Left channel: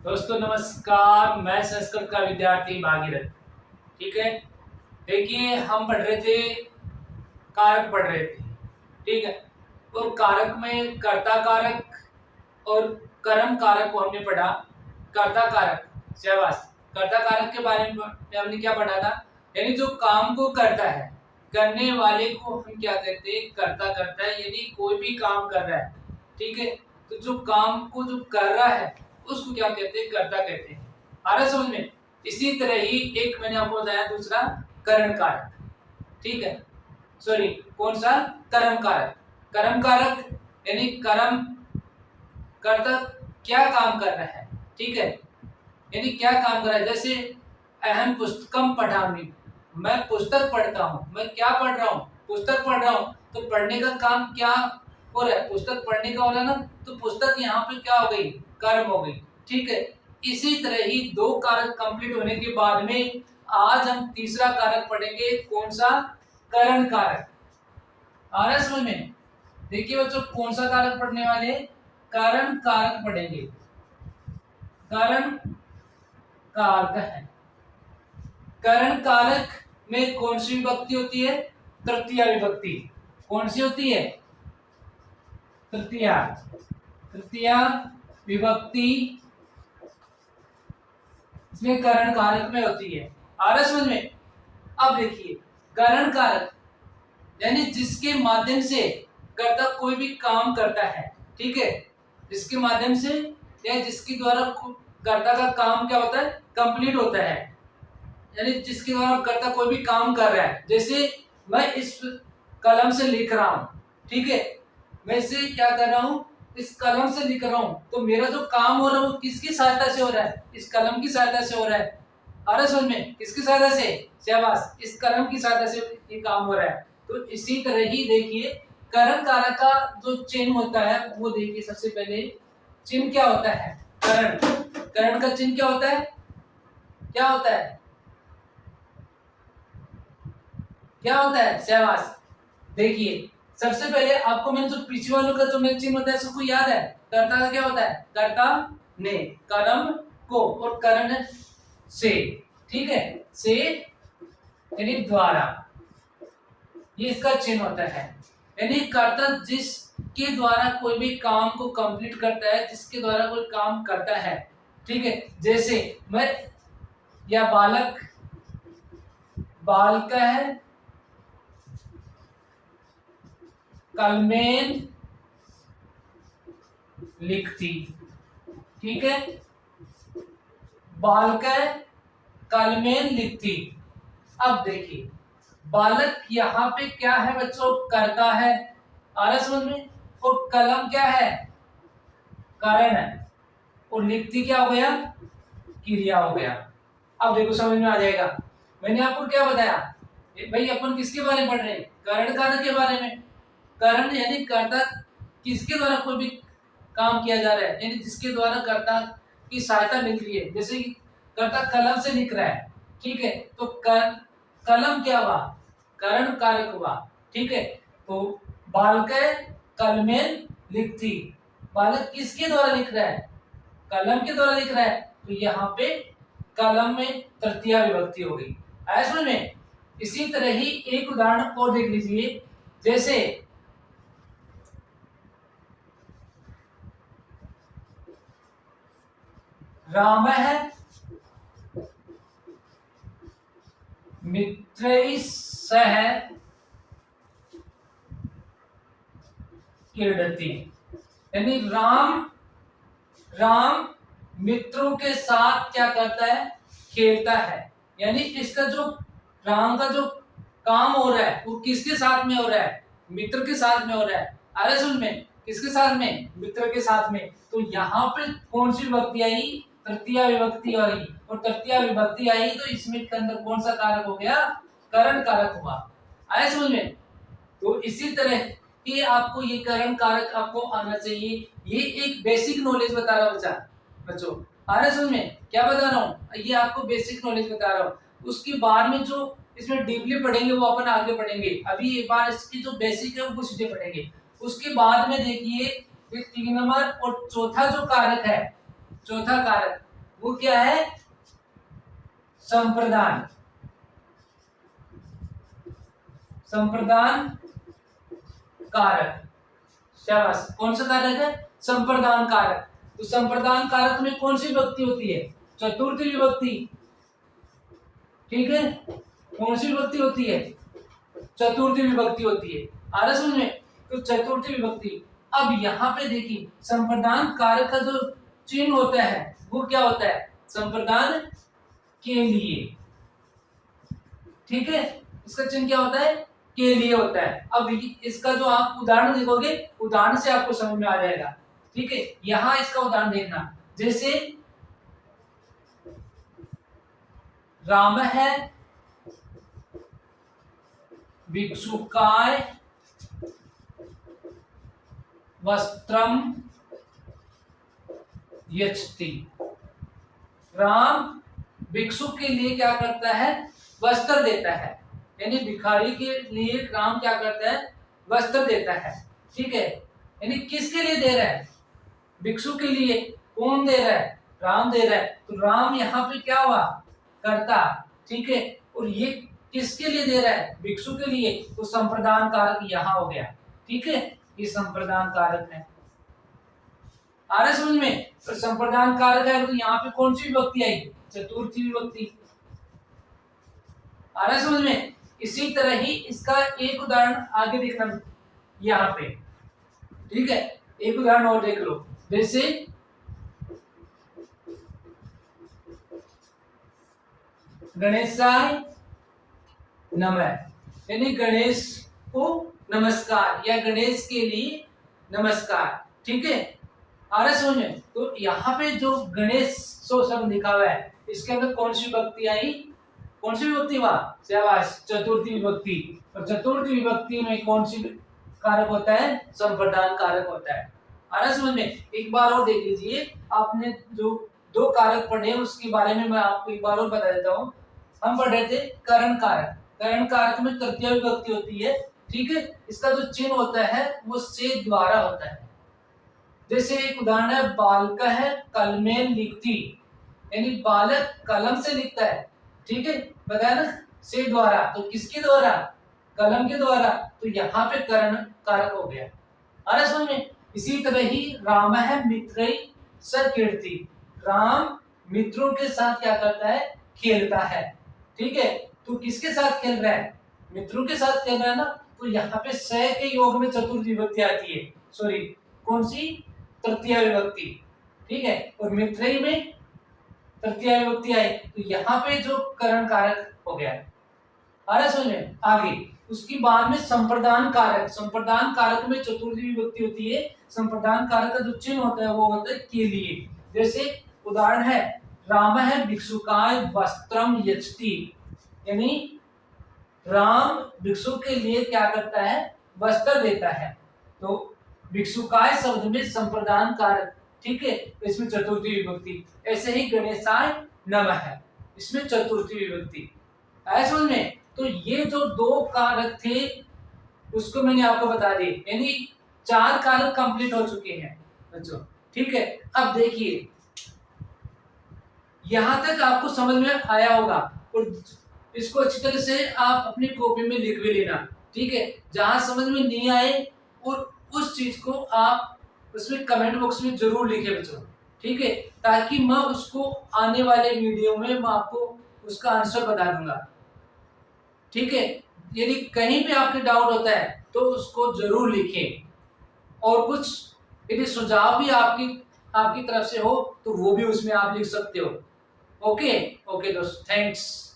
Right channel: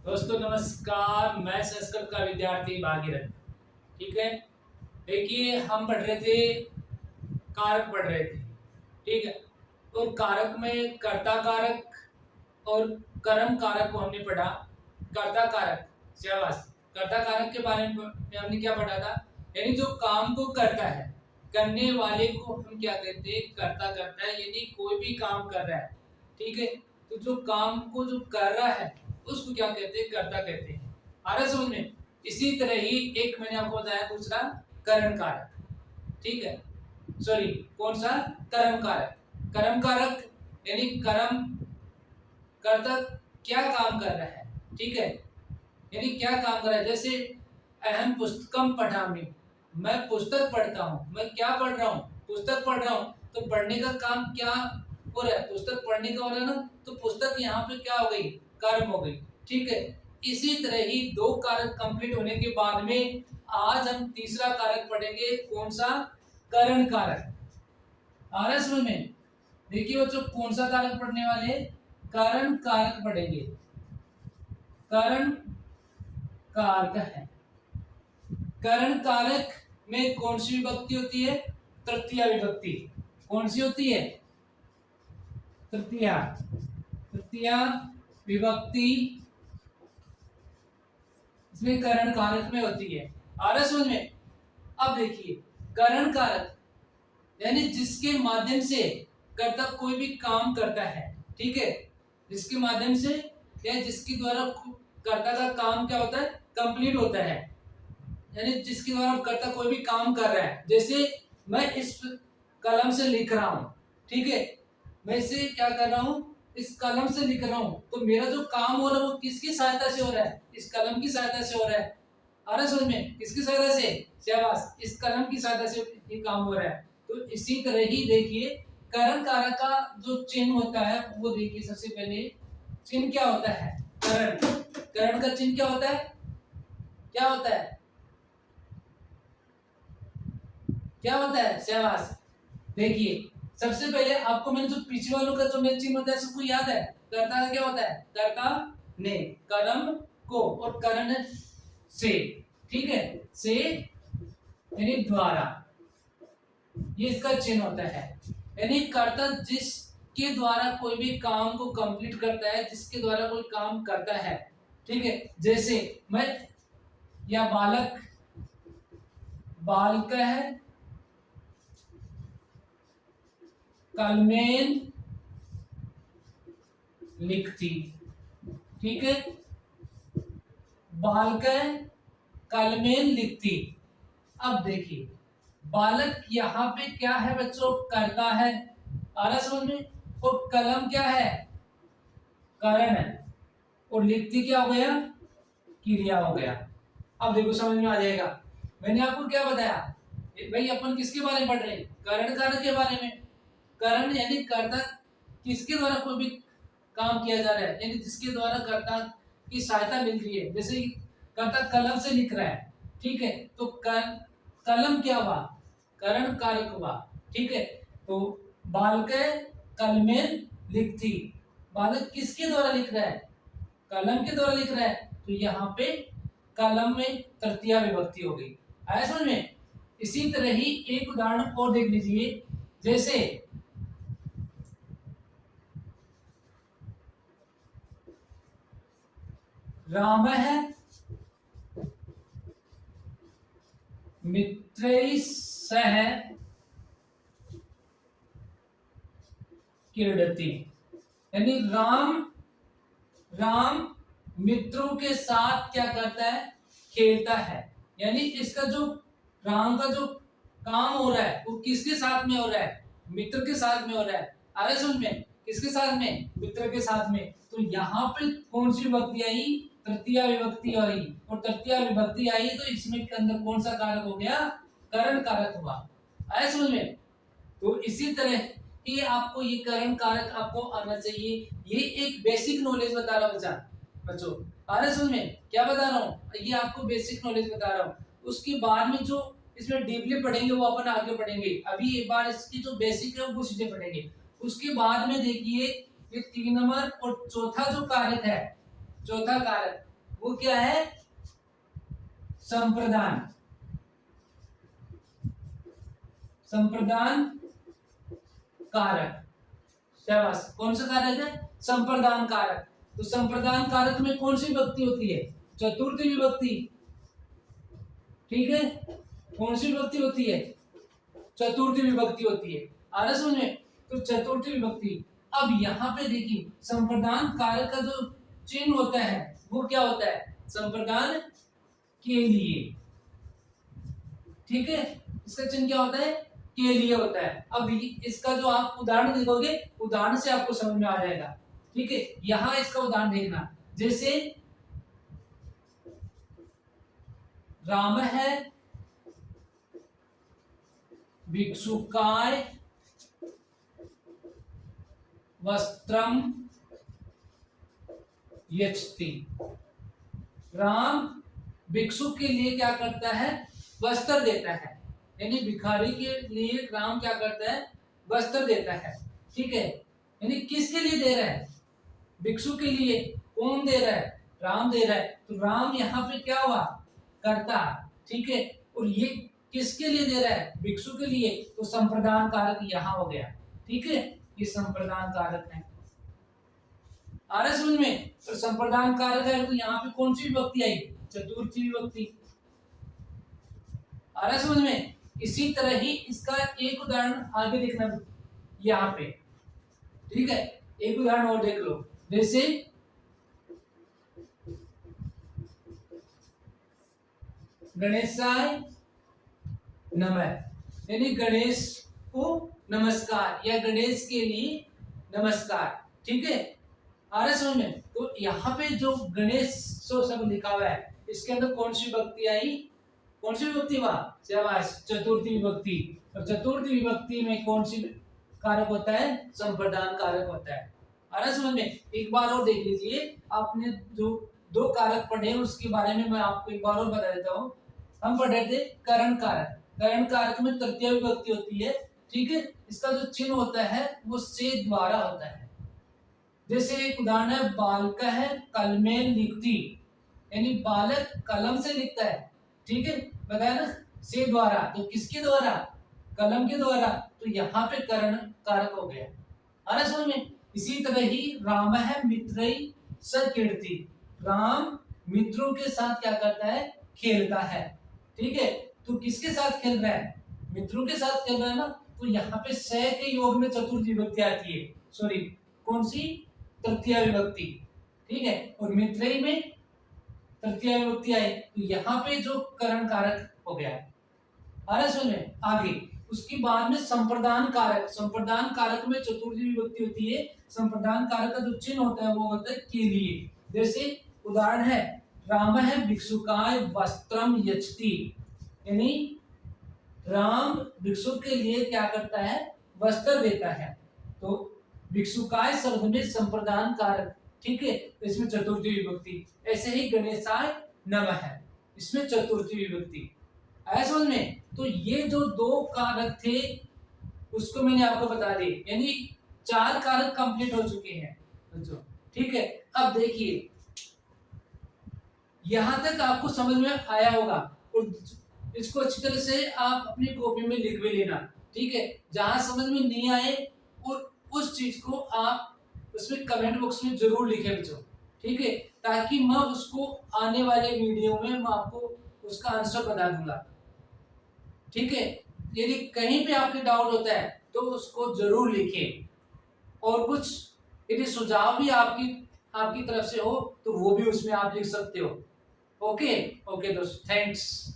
दोस्तों नमस्कार, मैं संस्कृत का विद्यार्थी भागीरथ। ठीक है। देखिए, हम पढ़ रहे थे, कारक पढ़ रहे थे। ठीक है। और कारक में कर्ता कारक और कर्म कारक को हमने पढ़ा। कर्ता कारक, शाबाश। कर्ता कारक के बारे में हमने क्या पढ़ा था? यानी जो काम को करता है, करने वाले को हम क्या कहते हैं? कर्ता करता है। यदि कोई भी काम कर रहा है, ठीक है, तो जो काम को जो कर रहा है उसको क्या कहते हैं? कर्ता कहते हैं। आ रहा है समझ में? इसी तरह ही एक मैंने आपको बताया दूसरा, करण कारक। ठीक है। सॉरी, कौन सा? कर्म कारक। कर्म कारक यानी कर्म कर्ता क्या काम कर रहा है। ठीक है। यानी क्या काम कर रहा है। जैसे अहम पुस्तकम पढ़ामी, मैं पुस्तक पढ़ता हूँ। मैं क्या पढ़ रहा हूँ? पुस्तक पढ़ रहा हूँ। तो पढ़ने का काम क्या हो रहा है? पुस्तक पढ़ने का हो रहा है ना। तो पुस्तक यहाँ पे क्या हो गई? कर्म हो गई। ठीक है। इसी तरह ही दो कारक कंप्लीट होने के बाद में आज हम तीसरा कारक पढ़ेंगे। कौन सा? करण कारक। आ रहा है समझ में? देखिए बच्चों, कौन सा कारक पढ़ने वाले? करण कारक पढ़ेंगे। करण कारक है। करण कारक में कौन सी विभक्ति होती है? तृतीया विभक्ति। कौन सी होती है? तृतीया। तृतीया विभक्ति इसमें करण कारक में होती है। आ रहा समझ में? अब देखिए, करण कारक यानी जिसके माध्यम से कर्ता कोई भी काम करता है। ठीक है। जिसके माध्यम से या जिसके द्वारा कर्ता का काम क्या होता है? कंप्लीट होता है। यानी जिसके द्वारा कर्ता कोई भी काम कर रहा है। जैसे मैं इस कलम से लिख रहा हूं। ठीक है। मैं इसे क्या कर रहा हूं? इस कलम से लिख रहा हूं। तो मेरा जो काम हो रहा है वो किसकी सहायता से हो रहा है? इस कलम की सहायता से हो रहा है। आ रहा समझ में? किसकी सहायता से? शाबाश, इस कलम की सहायता से ये काम हो रहा है। तो इसी तरह ही देखिए, करण कारक का जो चिन्ह होता है वो देखिए। सबसे पहले चिन्ह क्या होता है? करण। करण का चिन्ह क्या होता है? क्या होता है? क्या होता है? शाबाश। देखिए, सबसे पहले आपको मैंने जो पीछे वालों का जो मैंने चिन्ह बताया सबको याद है? कर्ता का क्या होता है? कर्ता ने, कर्म को, और करण से। ठीक है। से यानी द्वारा, ये इसका चिन्ह होता है। यानी कर्ता जिसके द्वारा कोई भी काम को कंप्लीट करता है, जिसके द्वारा कोई काम करता है। ठीक है। जैसे मैं, या बालक, बालक है कलमेन लिखती। ठीक है। बालक कलमेन लिखती। अब देखिए, बालक यहाँ पे क्या है बच्चों? करता है। आ रहा समझ में? और कलम क्या है? कारण है। और लिखती क्या हो गया? क्रिया हो गया। अब देखो समझ में आ जाएगा। मैंने आपको क्या बताया? भाई अपन किसके बारे में पढ़ रहे हैं? कारण कारक के बारे में। कारण यानी कर्ता किसके द्वारा कोई भी काम किया जा रहा है, यानी जिसके द्वारा कर्ता की सहायता मिल रही है। जैसे कर्ता कलम से लिख रहा है। ठीक है। तो कलम क्या हुआ? करण कारक हुआ। ठीक है। तो बालक कलमेन लिखती। बालक किसके द्वारा लिख रहा है? कलम के द्वारा लिख रहा है। तो यहाँ पे कलम में तृतीया विभक्ति हो गई। आया समझ में? इसी तरह ही एक उदाहरण और देख लीजिए। जैसे राम है मित्र सह क्रीडति। यानी राम, राम मित्रों के साथ क्या करता है? खेलता है। यानी इसका जो राम का जो काम हो रहा है वो किसके साथ में हो रहा है? मित्र के साथ में हो रहा है। अरे सुन में, किसके साथ में? मित्र के साथ में। तो यहाँ पे कौन सी विभक्ति आई? तृतीया विभक्ति आई। और तृतीया विभक्ति आई तो इसमें के अंदर कौन सा कारक हो गया? करण कारक हुआ। आया समझ में? तो इसी तरह कि आपको ये करण कारक आपको आना चाहिए। ये एक बेसिक नॉलेज बता रहा बच्चा बच्चों। आ रहा समझ में? क्या बता रहा हूँ? ये आपको बेसिक नॉलेज बता रहा हूँ। उसके बाद में जो इसमें डीपली पढ़ेंगे वो अपन आगे पढ़ेंगे। अभी एक बार इसकी जो बेसिक है वो चीजें पढ़ेंगे। उसके बाद में देखिए, ये 3 नंबर और चौथा जो कारक है, चौथा कारक वो क्या है? संप्रदान। संप्रदान कारक। शाबाश। कौन सा कारक है? संप्रदान कारक। तो संप्रदान कारक में कौन सी विभक्ति होती है? चतुर्थी विभक्ति। ठीक है, कौन सी विभक्ति होती है? चतुर्थी विभक्ति होती है। आ रहा समझ में? तो चतुर्थी विभक्ति। अब यहाँ पे देखिए, संप्रदान कारक का जो चिन्ह होता है वो क्या होता है? संप्रदान के लिए। ठीक है, इसका चिन्ह क्या होता है? के लिए होता है। अब इसका जो आप उदाहरण देखोगे, उदाहरण से आपको समझ में आ जाएगा। ठीक है, यहां इसका उदाहरण देखना। जैसे राम है भिक्षुकाय वस्त्रम यच्छति। राम भिक्षुक के लिए क्या करता है? वस्त्र देता है। यानी भिखारी के लिए राम क्या करता है? वस्त्र देता है। ठीक है, यानी किसके लिए दे रहा है? भिक्षु के लिए। कौन दे रहा है? राम दे रहा है। तो राम यहाँ पे क्या हुआ? करता। ठीक है, और ये किसके लिए दे रहा है? भिक्षु के लिए। तो संप्रदान कारक यहाँ हो गया। ठीक है, ये संप्रदान कारक है। आ रहा समझ में? तो संप्रदान कारक है तो यहाँ पे कौन सी विभक्ति आई? चतुर्थी विभक्ति। आ रहा समझ में? इसी तरह ही इसका एक उदाहरण आगे देखना यहाँ पे। ठीक है, एक उदाहरण और देख लो। जैसे गणेशाय नमः, यानी गणेश को नमस्कार या गणेश के लिए नमस्कार। ठीक है, आ रहा समझ में? तो यहाँ पे जो गणेश सो शब्द लिखा हुआ है, इसके अंदर कौन सी विभक्ति आई? कौन सी विभक्ति हुआ? शाबाश, चतुर्थी विभक्ति। और चतुर्थी विभक्ति में कौन सी कारक होता है? संप्रदान कारक होता है। आ रहा समझ में? एक बार और देख लीजिए, आपने जो दो कारक पढ़े उसके बारे में मैं आपको एक बार और बता देता हूँ। हम पढ़ रहे थे करण कारक। करण कारक में तृतीय विभक्ति होती है। ठीक है, इसका जो चिन्ह होता है वो से द्वारा होता है। जैसे एक उदाहरण है, बालक है कलमे लिखती, यानी बालक कलम से लिखता है। ठीक है, बताया ना, से द्वारा। तो किसके द्वारा? कलम के द्वारा। तो यहाँ पे करण कारक हो गया। अरे समझ में? इसी तरह ही राम है मित्रई सकीर्ति। राम मित्रों के साथ क्या करता है? खेलता है। ठीक है, तो किसके साथ खेल रहा है? मित्रों के साथ खेल रहा है ना। तो यहाँ पे स के योग में चतुर्थी विभक्ति आती है। सॉरी, कौन सी? तृतीय विभक्ति। ठीक है, और मित्रई में तृतीय विभक्ति आई। तो यहाँ पे जो करण कारक हो गया। आ रहा समझ में? आगे उसकी बाद में संप्रदान कारक। संप्रदान कारक में चतुर्थी विभक्ति होती है। संप्रदान कारक का जो चिन्ह होता है वो होता है के लिए। जैसे उदाहरण है, राम है भिक्षुकाय वस्त्रम यच्छति, यानी राम भिक्षु के लिए क्या करता है? वस्त्र देता है। तो भिक्षुकाय शब्द में संप्रदान कारक। ठीक है, इसमें चतुर्थी विभक्ति। ऐसे ही गणेशाय नमः है, इसमें चतुर्थी विभक्ति। ऐसा समझ में? तो ये जो दो कारक थे उसको मैंने आपको बता दिए, यानी 4 कारक कंप्लीट हो चुके हैं बच्चों। ठीक है, अब देखिए यहां तक आपको समझ में आया होगा, और इसको अच्छी तरह से आप अपनी कॉपी में लिख भी लेना। ठीक है, जहां समझ में नहीं आए और उस चीज को आप उसमें कमेंट बॉक्स में जरूर लिखें बच्चों। ठीक है, ताकि मैं उसको आने वाले वीडियो में मैं आपको उसका आंसर बता दूंगा। ठीक है, यदि कहीं भी आपके डाउट होता है तो उसको जरूर लिखें, और कुछ यदि सुझाव भी आपकी तरफ से हो तो वो भी उसमें आप लिख सकते हो। ओके ओके दोस्त, थैंक्स।